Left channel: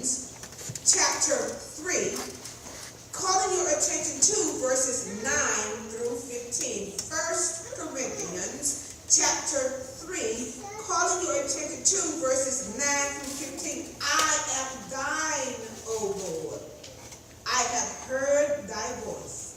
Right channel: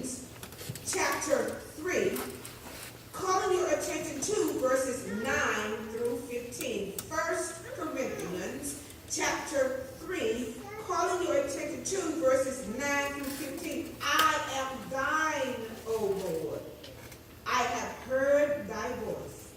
Corinthians chapter 3, calling your attention to verses 9 through 15. 1 Corinthians chapter 3, calling your attention to verses 9 through 15. I am thine, O Lord. I have heard thy voice,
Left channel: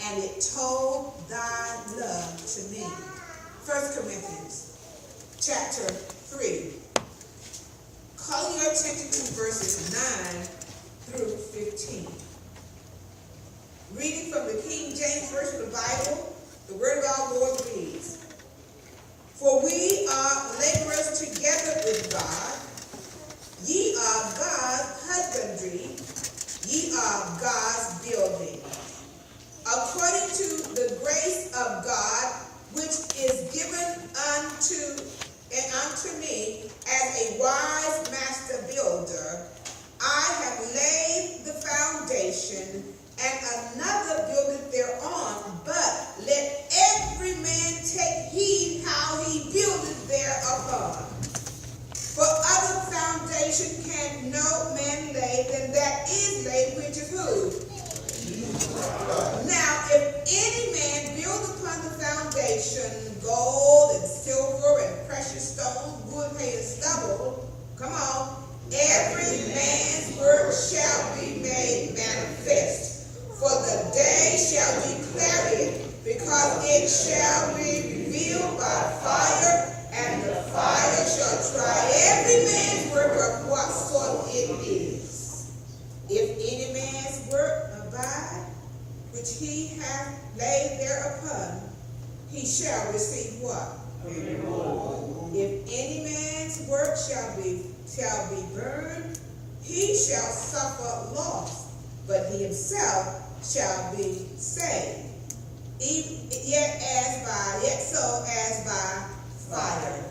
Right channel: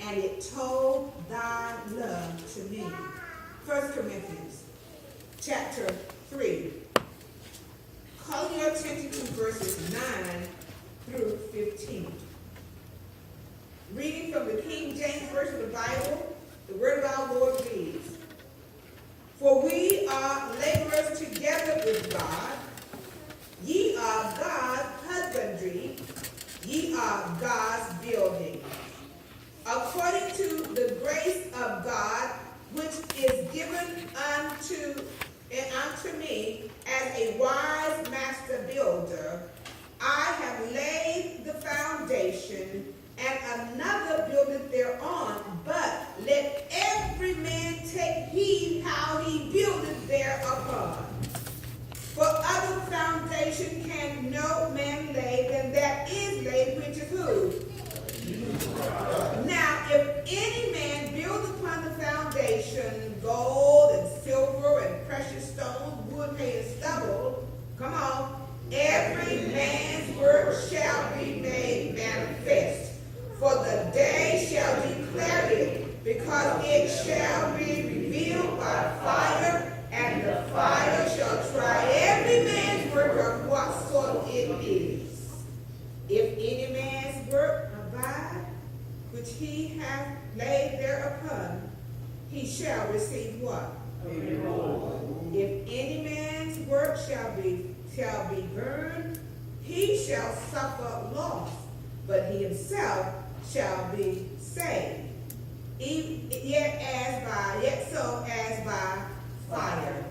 and it told thy love to me. 1 Corinthians chapter 3, calling your attention to verses 9 through 15. Reading from the King James Version of the Bible, the word of our Lord reads, For we are laborers together with God. Ye are God's husbandry, ye are God's building. According to the grace of God, which is given unto me as a wise master builder, I have laid the foundation, and another buildeth thereon. But let every man take heed how he buildeth thereupon. For other foundation can no man lay than that is laid, which is who? Now, if any man build upon the foundation gold and silver and precious stones, wood, hay, and stubble, come on, every man's work shall be made manifest. For the day shall declare it, because it shall be revealed by fire, and the fire shall try every man's work of what sort it is. If any man's work abide, which he hath laid thereupon, he shall receive what? If any man's work shall be burned, he shall suffer loss, but he himself shall be saved, yet so as by fire.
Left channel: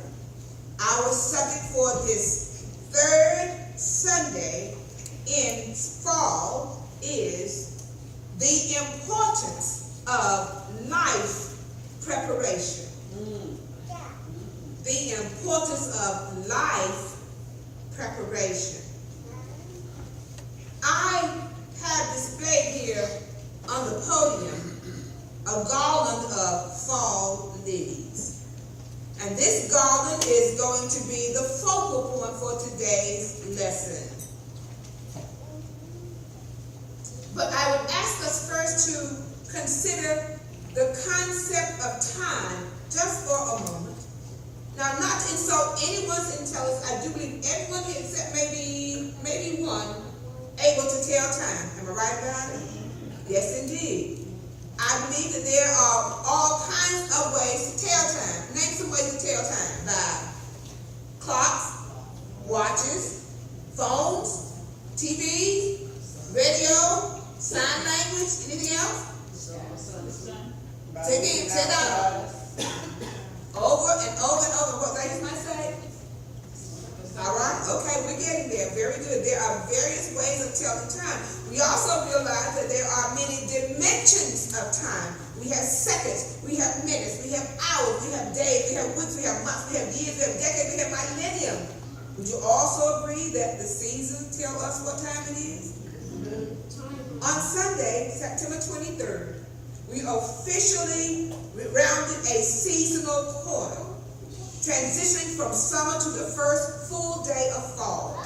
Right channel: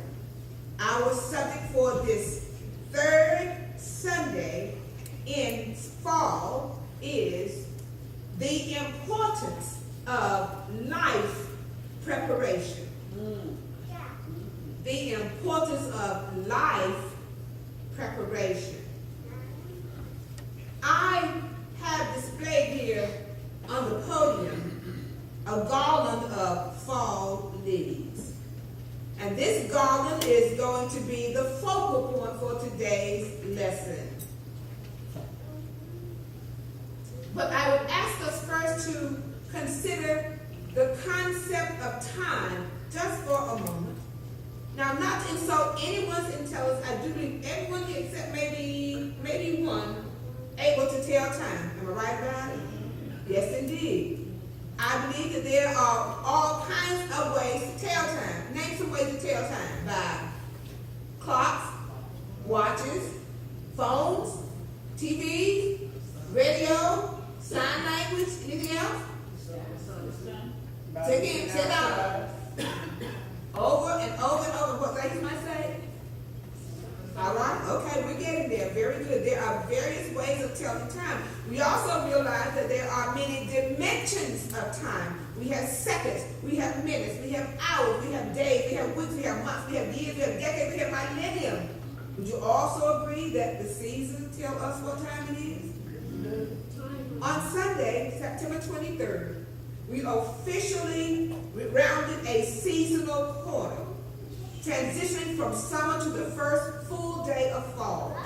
Our subject for this third Sunday in fall is the importance of life preparation. The importance of life preparation. I have displayed here on the podium a garland of fall lilies. And this garland is going to be the focal point for today's lesson. But I would ask us first to consider the concept of time just for a moment. Now, not to insult anyone's intelligence, I do believe everyone here except maybe one able to tell time. Am I right about it? Yes, indeed. I believe that there are all kinds of ways to tell time. Name some ways to tell time. By clocks, watches, phones, TVs, radio, sign language, anything else? Say again, say that. Over and over and over. What ladies might say? All right, okay, we're getting there. Very good. There are various ways of telling time. We also realize that there are many dimensions of time. We have seconds, we have minutes, we have hours, we have days, we have weeks, we have months, we have years, we have decades, we have millennium. Would you also agree that the seasons tell us what time it is? On Sunday, September 23rd, we officially rounded a seasonal quarter, transitioning from summer to the first full day of fall.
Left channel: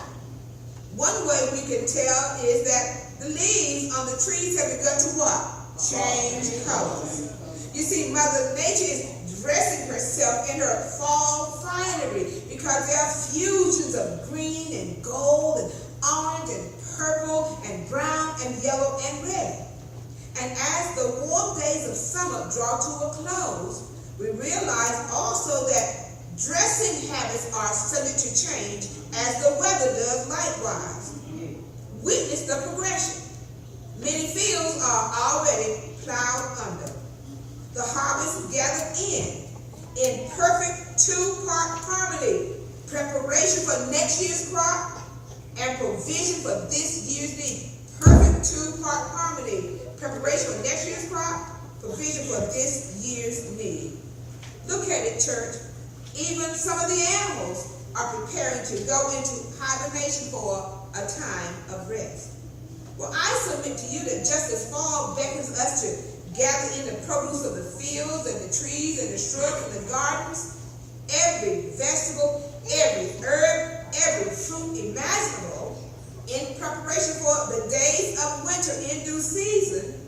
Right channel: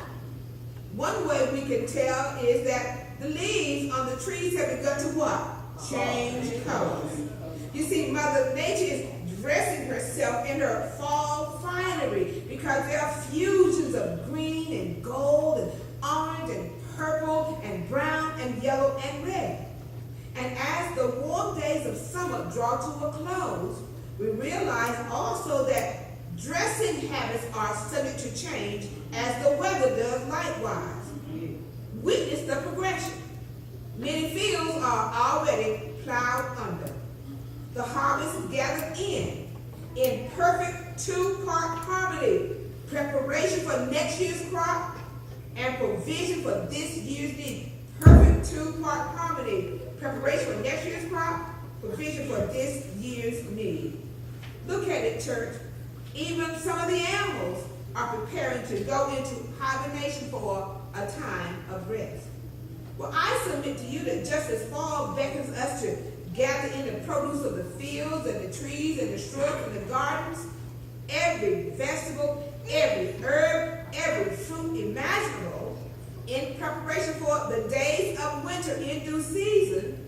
One way we can tell is that the leaves on the trees have begun to what? Change colors. You see, Mother Nature is dressing herself in her fall finery because there are fusions of green and gold and orange and purple and brown and yellow and red. And as the warm days of summer draw to a close, we realize also that dressing habits are subject to change as the weather does likewise. Witness the progression. Many fields are already plowed under. The harvest is gathered in perfect two-part harmony. Preparation for next year's crop and provision for this year's need. Perfect two-part harmony. Preparation for next year's crop, provision for this year's need. Look at it, church. Even some of the animals are preparing to go into hibernation for a time of rest. Well, I submit to you that just as fall beckons us to gather in the produce of the fields and the trees and the shrubs and the gardens, every vegetable, every herb, every fruit imaginable, in preparation for the days of winter in due season,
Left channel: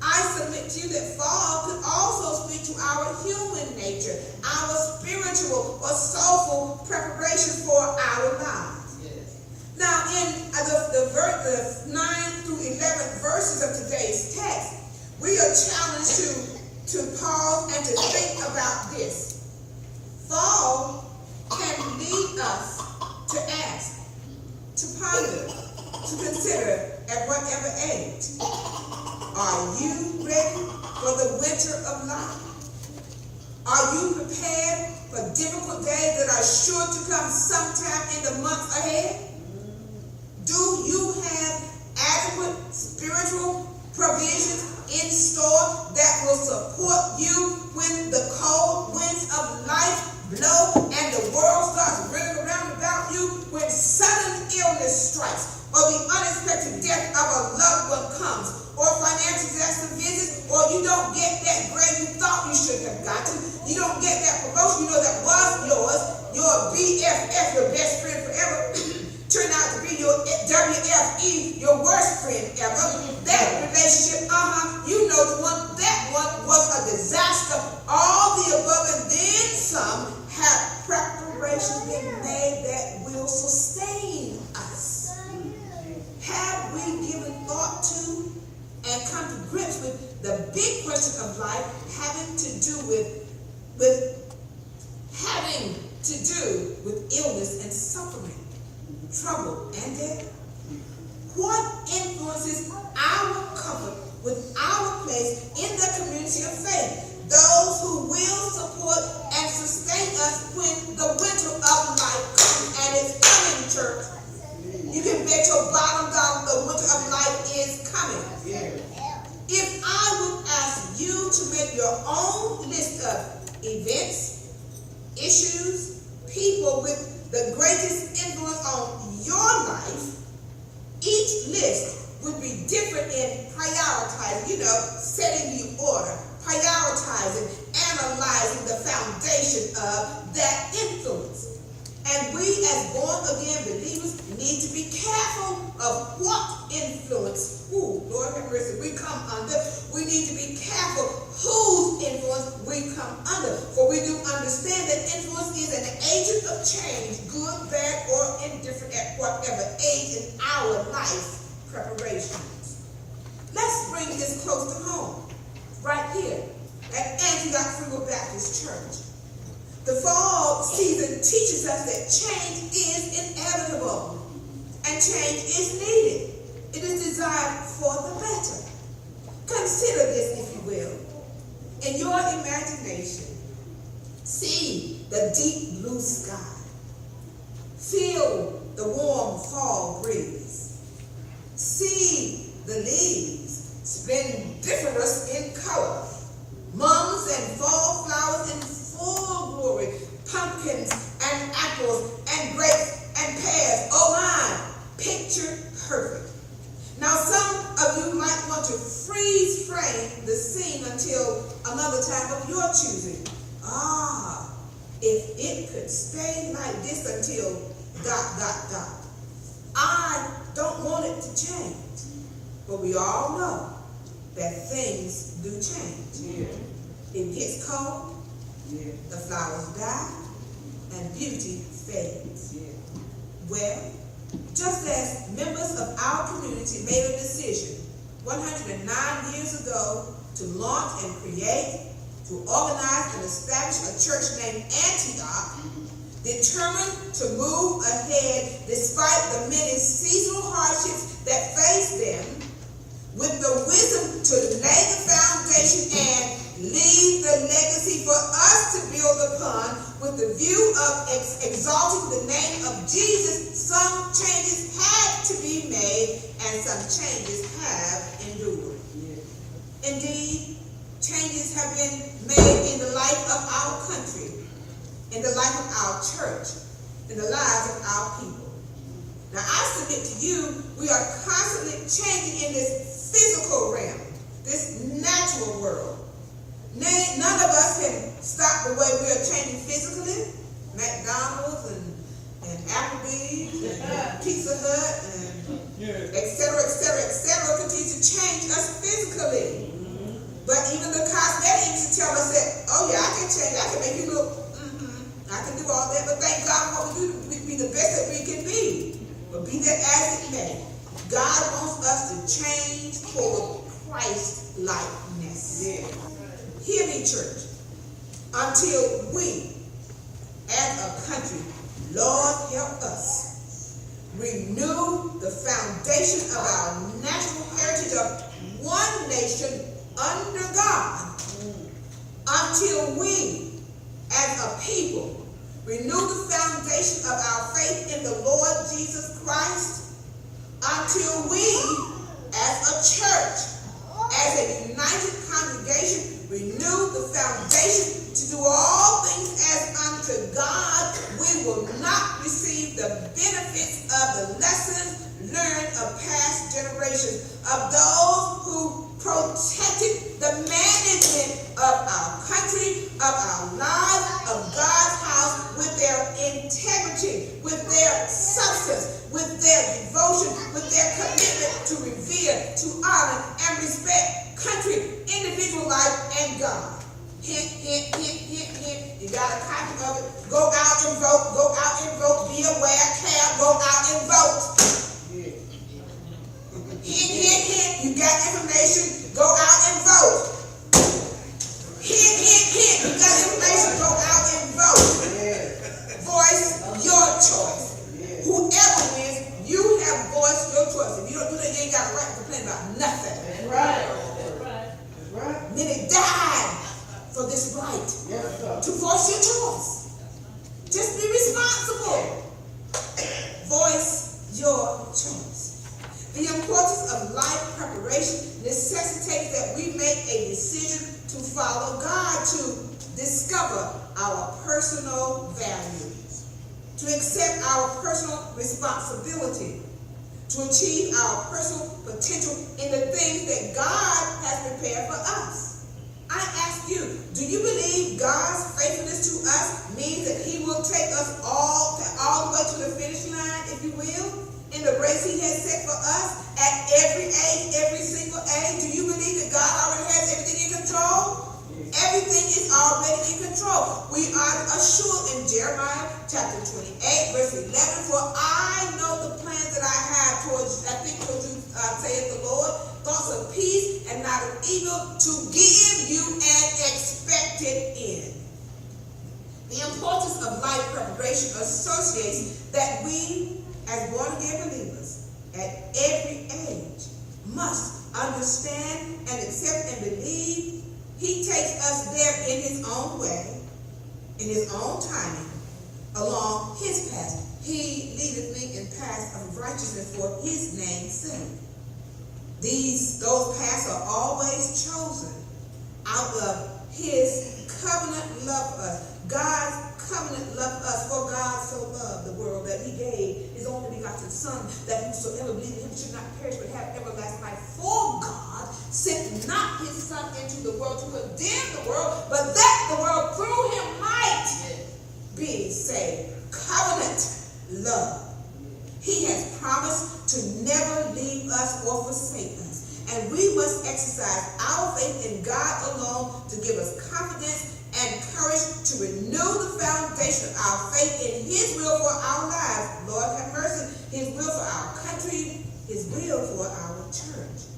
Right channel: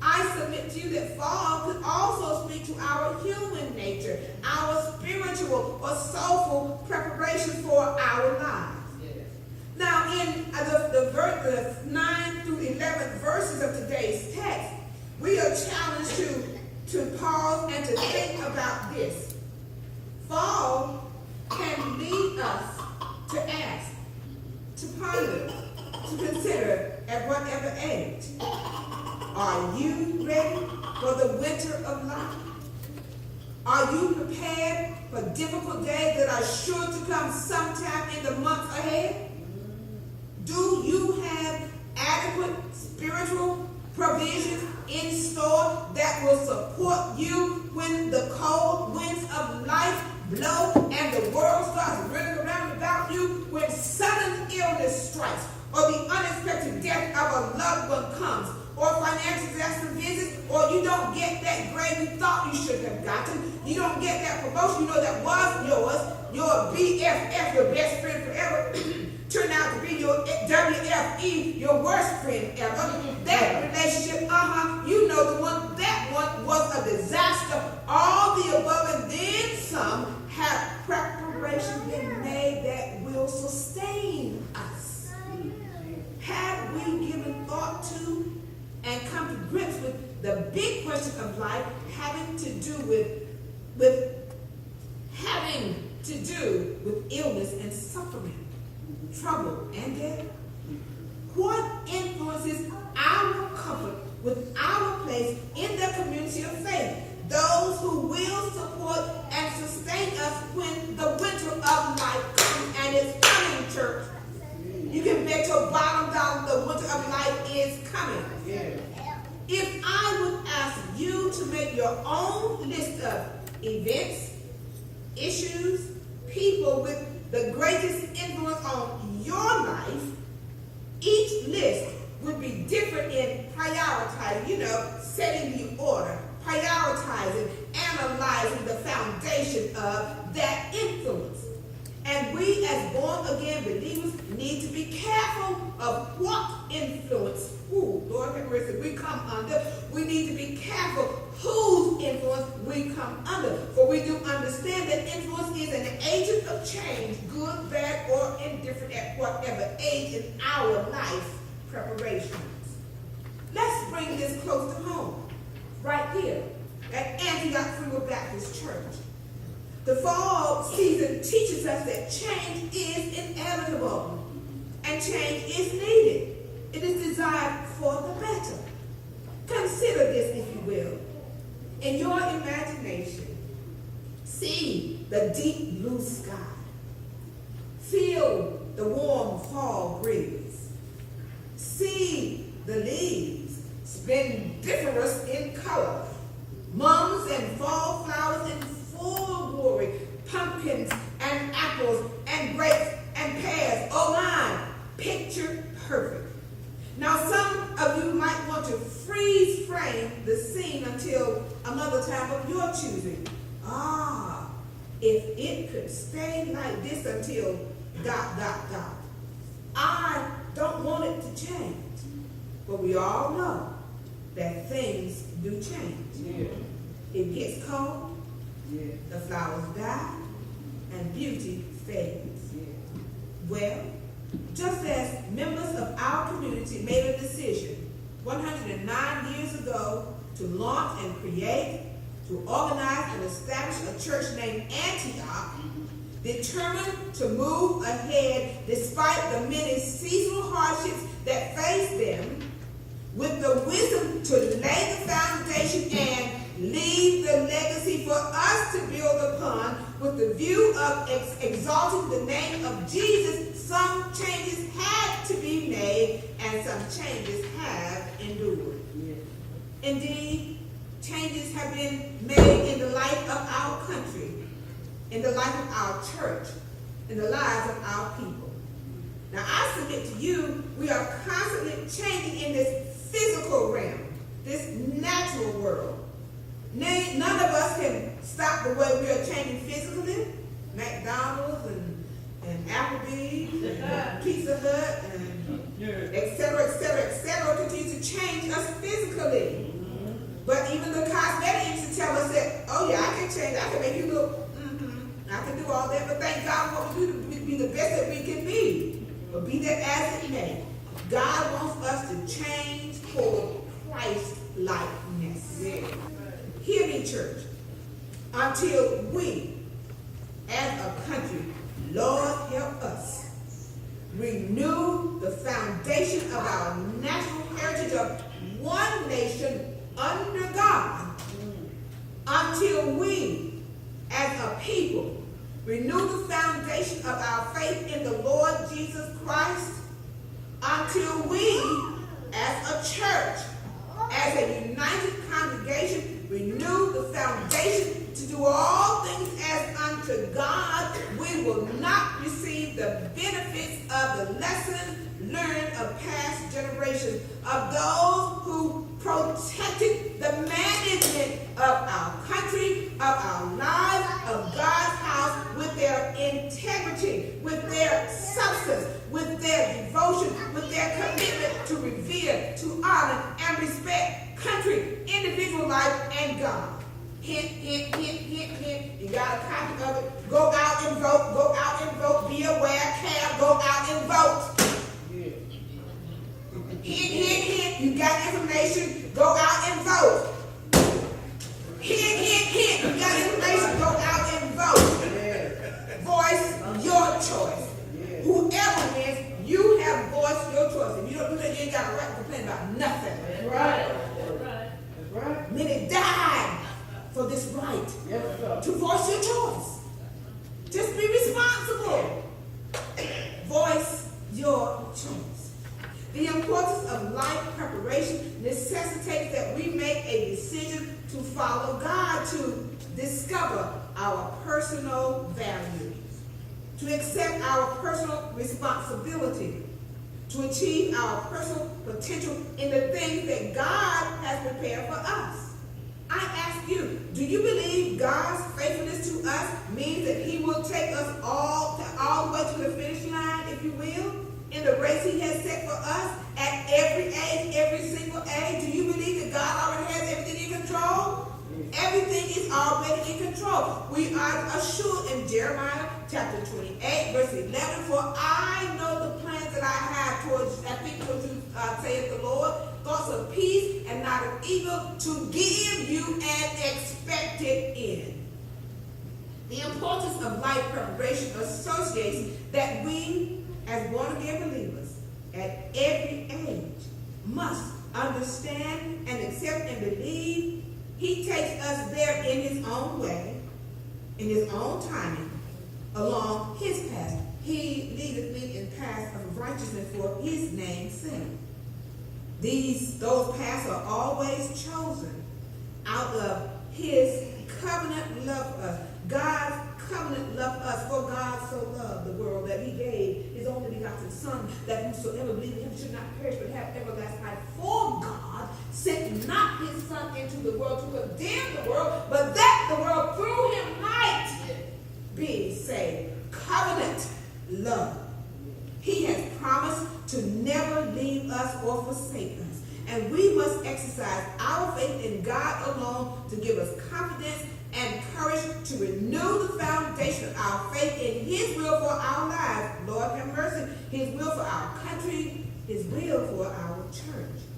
I submit to you that fall could also speak to our human nature, our spiritual or soulful preparation for our lives. Yes. Now, in the 9 through 11 verses of today's text, we are challenged to pause and to think about this. Fall can lead us to ask, to ponder, to consider at whatever age. Are you ready for the winter of life? Are you prepared for difficult days that are sure to come sometime in the months ahead? Do you have adequate spiritual provisions in store that will support you when the cold winds of life blow and the world starts running around about you, when sudden illness strikes, or the unexpected death of a loved one comes, or financial disaster visits, or you don't get that grade you thought you should have gotten, you don't get that promotion you know that was yours, your BFF, your best friend forever, turned out to be your WFE, your worst friend ever. That relationship, you know the one, that one was a disaster. All the above and then some have preparation been made that will sustain us. Have we given thought to and come to grips with the big question of life having to do with illness and suffering, trouble and death? What influences our comfort with our place in the community of faith? Those who will support and sustain us when the winter of life comes, and it's coming, church. You can bet your bottom dollar the winter of life is coming. Yeah. If I would ask you to make your own list of events, issues, people with the greatest influence on your life, each list would be different in prioritizing, setting the order, prioritizing, analyzing the foundation of that influence. And we as born-again believers need to be careful of what influence, Lord have mercy, we come under. We need to be careful whose influence we come under. For we do understand that influence is an agent of change, good, bad, or indifferent at whatever age in our life preparations. Let's bring this close to home, right here at Antioch FWB Baptist Church. The fall season teaches us that change is inevitable and change is needed. It is designed for the better. Consider this, if you will. In your imagination, see the deep blue sky. Feel the warm fall breeze. See the leaves splendiferous in color. Mums and fall flowers in full glory, pumpkins and apples and grapes and pears. Oh my, picture perfect. Now some of you might want to freeze frame the scene until another time of your choosing. If it could stay like this until ... I don't want it to change. But we all know that things do change. Yeah. It gets cold, the flowers die, and beauty fades. Yeah. Well, just as members of our community made a decision 109 years ago to launch and create, to organize and establish a church named Antioch, determined to move ahead despite the many seasonal hardships that faced them, with the wisdom to lay the foundation and leave the legacy for us to build upon, with the view of exalting the name of Jesus. Some changes had to be made and some changes have endured. Yeah. Indeed, changes have been made in the life of our country, in the life of our church, in the lives of our people. Now, I submit to you, we are constantly changing in this physical realm, this natural world. None of us can stop the way we are changing physically. McDonald's and Applebee's and Pizza Hut and et cetera, continue to change us physically. But even the cosmetic industry tell us that, oh yeah, I can change, I can make you look, I can do all that, but thank God what we do to be the best that we can be. But be that as it may, God wants us to change toward Christ-likeness. Yeah. Hear me, church. Until we, as a country, Lord help us, renew the foundation of our national heritage of one nation under God. Until we, as a people, renew the foundation of our faith in the Lord Jesus Christ. Until we, as a church, as a united congregation, renew the foundation to do all things as unto God, we will not receive the benefits of the lessons learned of past generations, of those who protected the management of our country, of our lives, of God's house, with their integrity, with their substance, with their devotion, with their commitment to revere, to honor, and respect country, individual life, and God. Hint, hint, hint, hint, hint. You got a copy of it. Go out and vote. Go out and vote. Be aware, care. Go out and vote. Hint, hint, hint. You got information. Go out and vote. Hint, hint, hint. You got information. Go out and vote. Voice your choice. Whoever wins, you have voiced your choice. If you don't do that, you ain't got a right to complain about nothing. That's right. That's right. Many died for this right to voice your choice. Just be responsible. Voice your choice. The importance of life preparation necessitates that we make a decision to follow God, to discover our personal values, to accept our personal responsibility, to achieve our personal potential in the things that God has prepared for us. I ask you, do you believe God's faithfulness to us means that he will take us all the way to the finish line, if you will, in the race he has set for us at every age, every single age? Do you believe that God already has everything in control? Everything is already in control. We are assured in Jeremiah chapter 28, verse 11, for I know the plans that I have towards you, saith the Lord, thoughts of peace and not of evil, to give you an expected end. The importance of life preparation associates that we, as born-again believers, at every age, must understand and accept and believe he takes us there in his own way, in his own timing, along his path. He leadeth me in paths of righteousness for his name's sake. Those paths are always chosen out of his covenant love for us. God's covenant love for us, for God so loved the world that he gave his only begotten Son, that whosoever believed in him should not perish but have everlasting life. For God sent not his Son into the world to condemn the world, but that the world through him might be saved. Covenant love. He has promised to never leave us or forsake us. And we must exercise our faith in God alone to give us confidence and courage to renew the foundation of our faith in his will for our lives. Lord have mercy. His will for our country, his will for our church.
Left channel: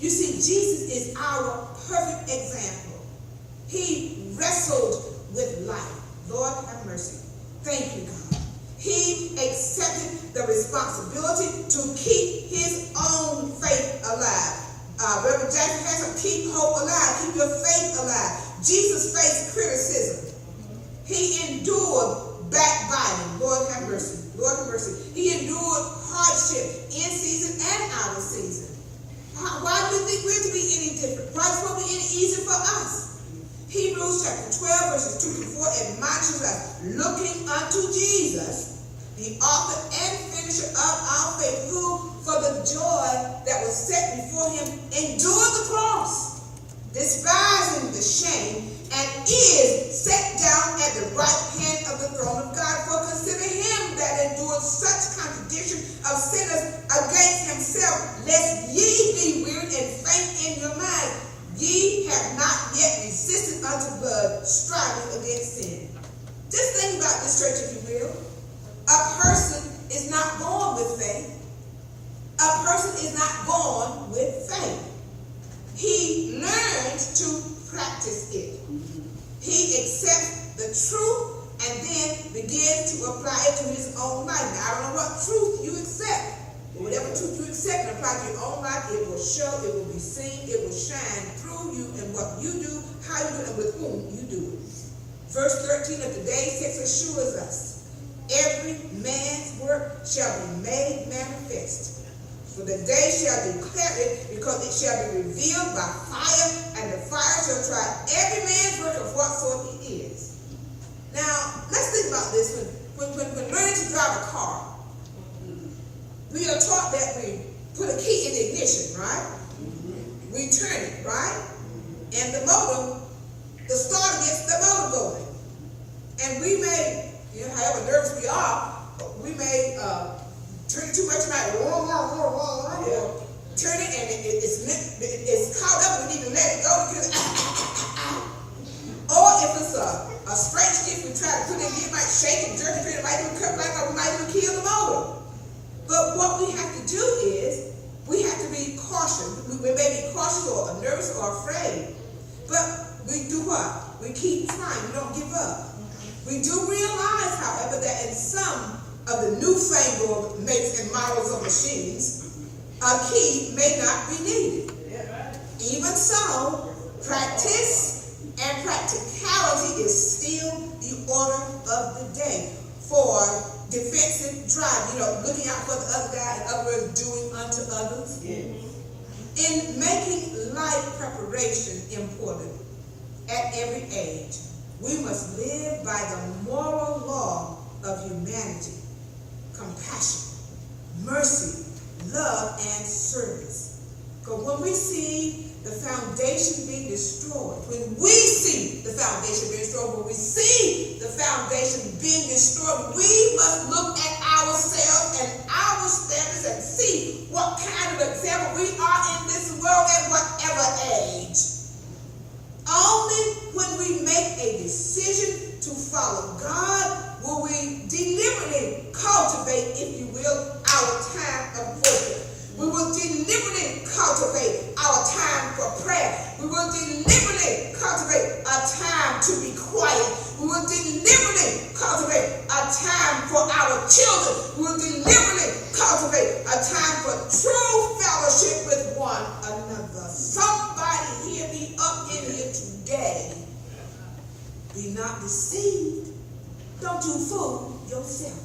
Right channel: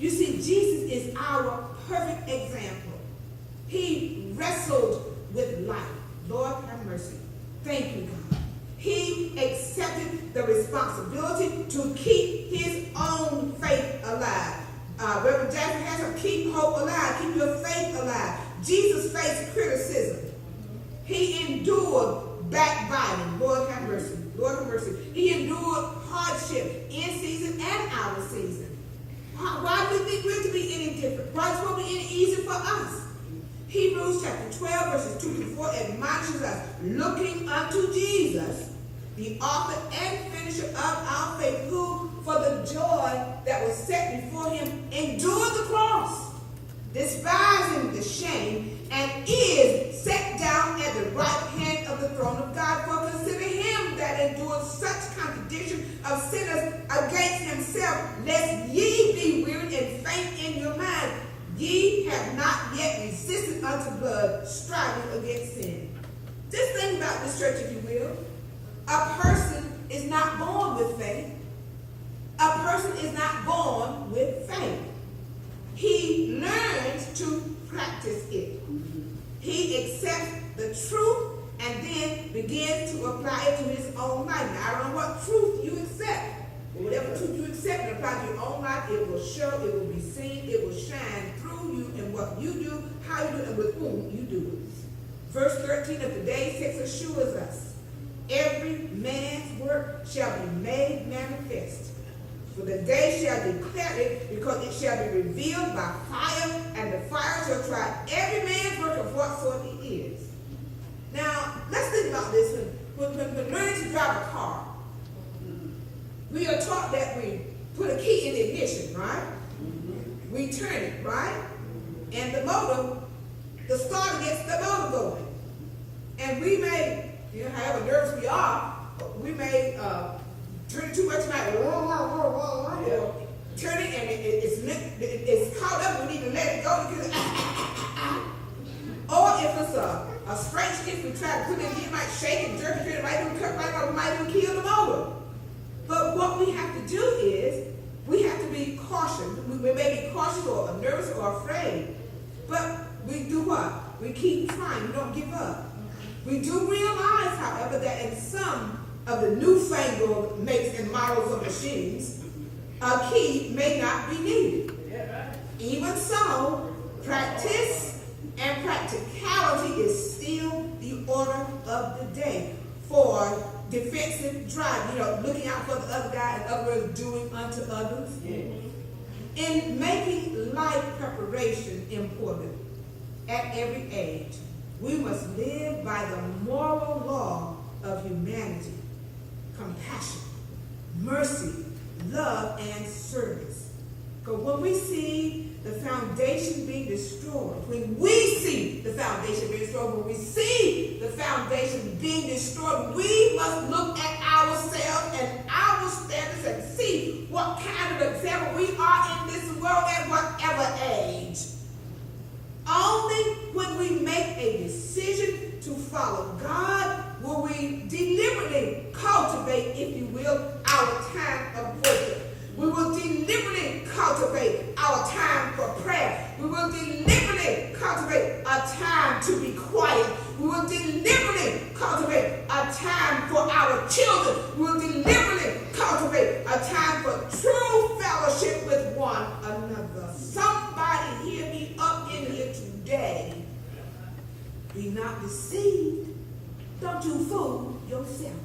You see, Jesus is our perfect example. He wrestled with life. Lord have mercy. Thank you, God. He accepted the responsibility to keep his own faith alive. Reverend Jackson has him, keep hope alive, keep your faith alive. Jesus faced criticism. He endured backbiting. Lord have mercy. Lord have mercy. He endured hardship in season and out of season. Why do we think we're to be any different? Why is it supposed to be any easier for us? Hebrews chapter 12, verses 2 to 4 admonishes us, looking unto Jesus, the author and finisher of our faith, who, for the joy that was set before him, endured the cross, despising the shame, and is set down at the right hand of the throne of God. For consider him that endured such contradiction of sinners against himself, lest ye be wearied and faint in your mind. Ye have not yet resisted unto blood, striving against sin. Just think about this, church, if you will. A person is not born with faith. A person is not born with faith. He learns to practice it. He accepts the truth and then begins to apply it to his own life. Now, I don't know what truth you accept, but whatever truth you accept and apply to your own life, it will show, it will be seen, it will shine through you in what you do, how you do it, and with whom you do it. Verse 13 of today's text assures us, every man's work shall be made manifest. For the day shall declare it, because it shall be revealed by fire, and the fire shall try every man's work of what sort it is. Now, let's think about this. When learning to drive a car, we are taught that we put a key in the ignition, right? We turn it, right? And the motor, the starter gets the motor going. And we may, however nervous we are, we may drink too much tonight, turn it and it's caught up, we need to let it go because or if it's a straight stick, we try to put it in, it might shake and jerk and it might even cut right off, it might even kill the motor. But what we have to do is we have to be cautious. We may be cautious or nervous or afraid, but we do what? We keep trying, we don't give up. We do realize, however, that in some of the newfangled makes and models of machines, a key may not be needed. Even so, practice and practicality is still the order of the day for defensive drive, looking out for the other guy, in other words, doing unto others. In making life preparation important at every age, we must live by the moral law of humanity, compassion, mercy, love, and service. Because when we see the foundation being destroyed, when we see the foundation being destroyed, we must look at ourselves and our standards and see what kind of example we are in this world at whatever age. Only when we make a decision to follow God will we deliberately cultivate, if you will, our time of worship. We will deliberately cultivate our time for prayer. We will deliberately cultivate a time to be quiet. We will deliberately cultivate a time for our children. We will deliberately cultivate a time for true fellowship with one another. Somebody hear me up in here today. Be not deceived. Don't you fool yourself.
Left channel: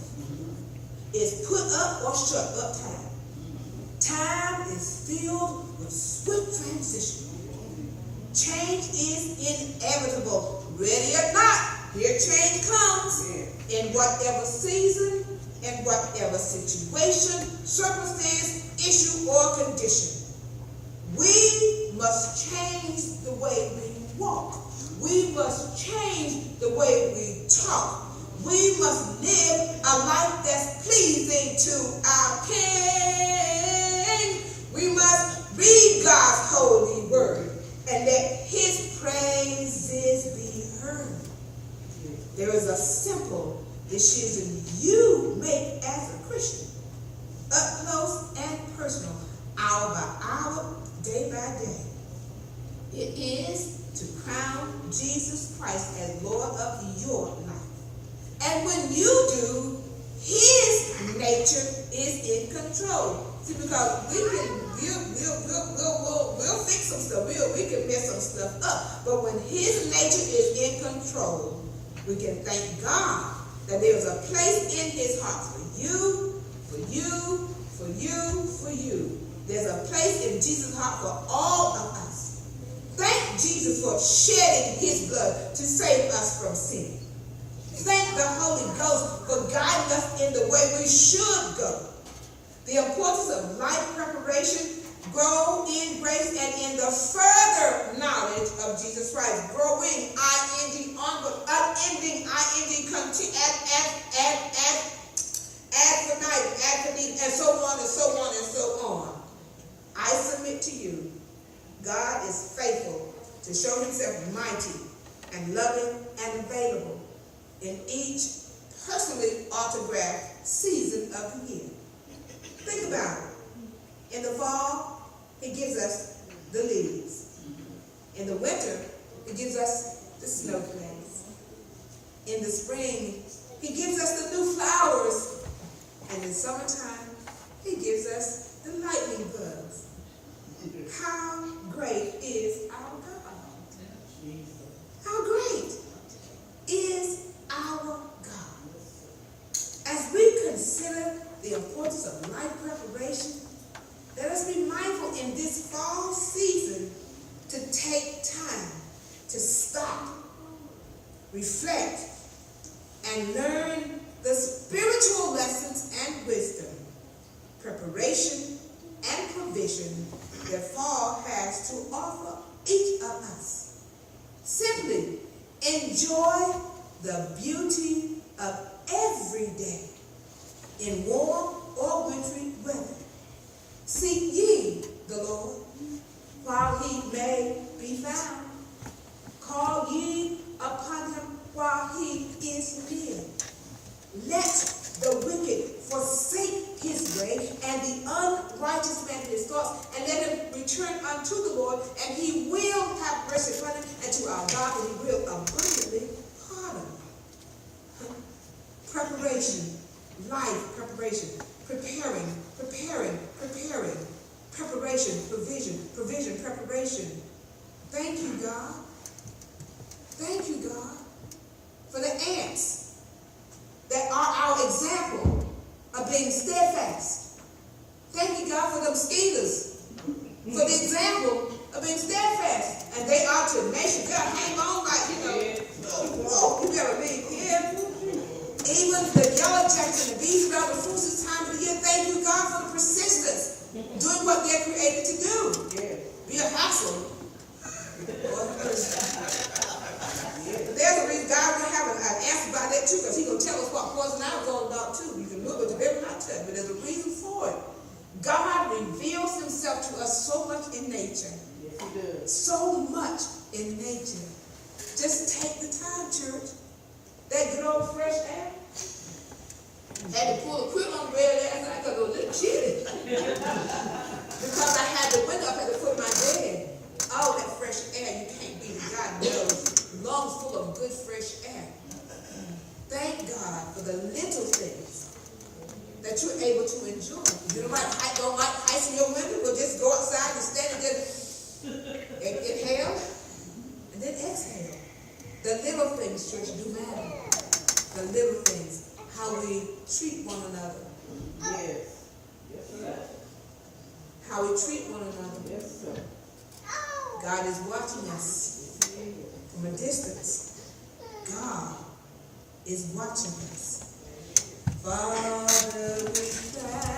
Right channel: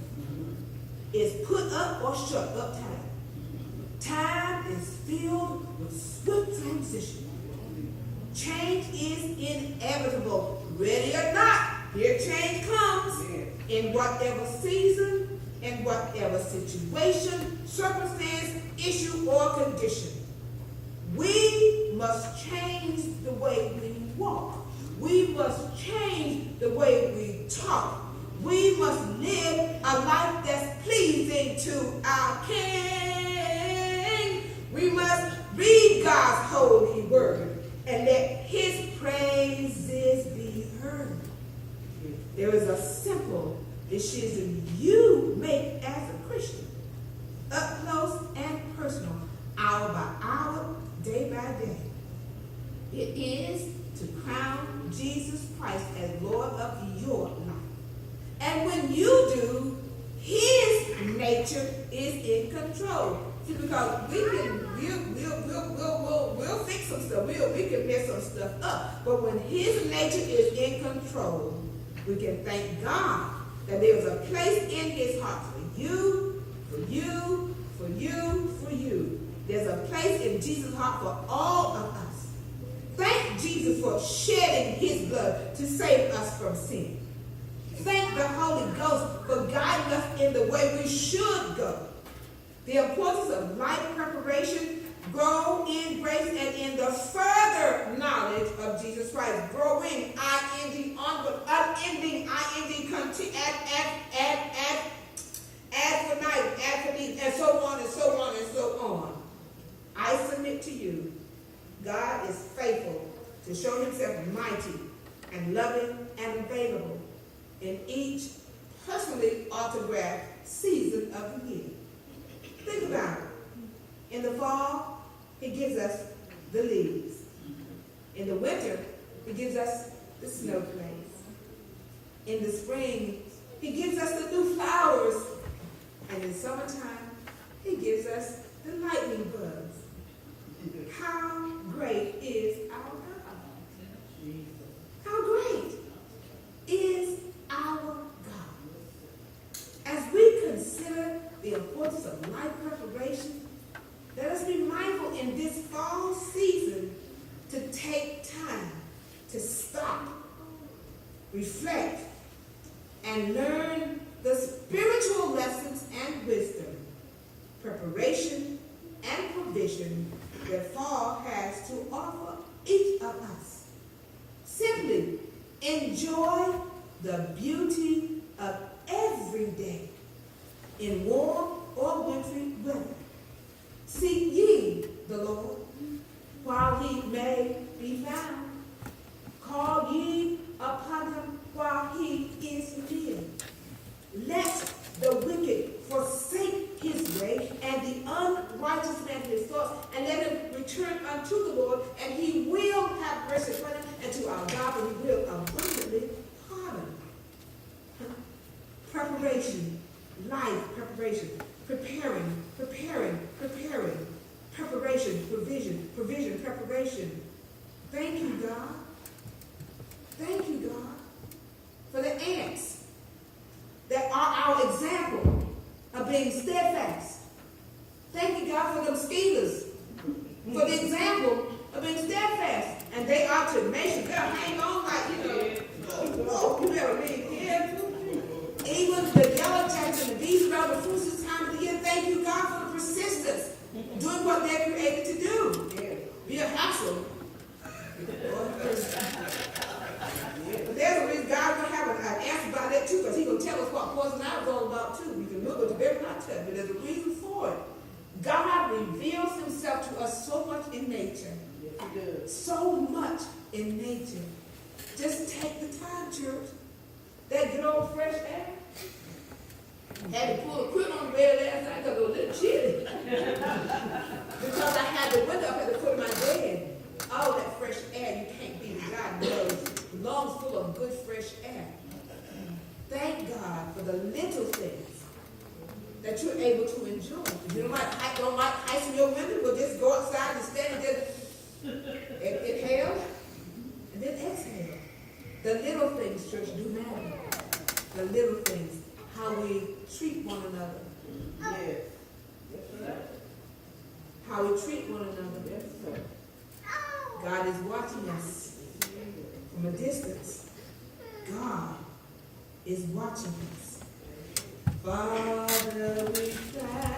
It's put up or shut up time. Time is filled with swift transition. Change is inevitable. Ready or not, here change comes. In whatever season, in whatever situation, circumstance, issue, or condition. We must change the way we walk. We must change the way we talk. We must live a life that's pleasing to our King. We must read God's holy word and let his praises be heard. There is a simple decision you make as a Christian, up close and personal, hour by hour, day by day. It is to crown Jesus Christ as Lord of your life. And when you do, his nature is in control. See, because we'll fix some stuff. We can mess some stuff up. But when his nature is in control, we can thank God that there's a place in his heart for you, for you, for you, for you. There's a place in Jesus' heart for all of us. Thank thank Jesus for shedding his blood to save us from sin. Thank the Holy Ghost for guiding us in the way we should go. The importance of life preparation, grow in grace and in the further knowledge of Jesus Christ. Growing, I-N-G, onward, unending, I-N-G, ad infinitum, and so on and so on and so on. I submit to you, God is faithful to show himself mighty and loving and available in each personally autographed season of the year. Think about it. In the fall, he gives us the leaves. In the winter, he gives us the snowflakes. In the spring, he gives us the new flowers. And in summertime, he gives us the lightning bugs. How great is our God? How great is our God? As we consider the importance of life preparation, let us be mindful in this fall season to take time to stop, reflect, and learn the spiritual lessons and wisdom, preparation, and provision that fall has to offer each of us. Simply enjoy the beauty of every day in warm or wintry weather. Seek ye the Lord while he may be found. Call ye upon him while he is near. Let the wicked forsake his way, and the unrighteous man his thoughts, and let him return unto the Lord, and he will have mercy upon him, and to our God, and he will abundantly pardon. Preparation, life preparation, preparing, preparation, provision, preparation. Thank you, God. Thank you, God, for the ants that are our example of being steadfast. Thank you, God, for the mosquitoes, for the example of being steadfast. And they are tenacious. God, hang on like, you better leave here. Even the yellow jackets and the bees around the fruits this time of the year, thank you, God, for the persistence, doing what they're created to do. Be a hassle. But there's a reason God will have an answer about that too, because he's going to tell us what poison ivy is all about too. We can look at the very not touch, but there's a reason for it. God reveals himself to us so much in nature. Yes, he does. So much in nature. Just take the time, church. That good old fresh air. Had to pull a quill on the bed last night because it was a little chilly. Because I had the window up at the foot of my bed. Oh, that fresh air, you can't beat it. God knows. Lungs full of good fresh air. Thank God for the little things that you're able to enjoy. If you don't like icing your window, well, just go outside and stand and just inhale and then exhale. The little things, church, do matter. The little things, how we treat one another. Yes. Yes, sir. How we treat one another. Yes, sir. God is watching us from a distance. God is watching us. Father, we thank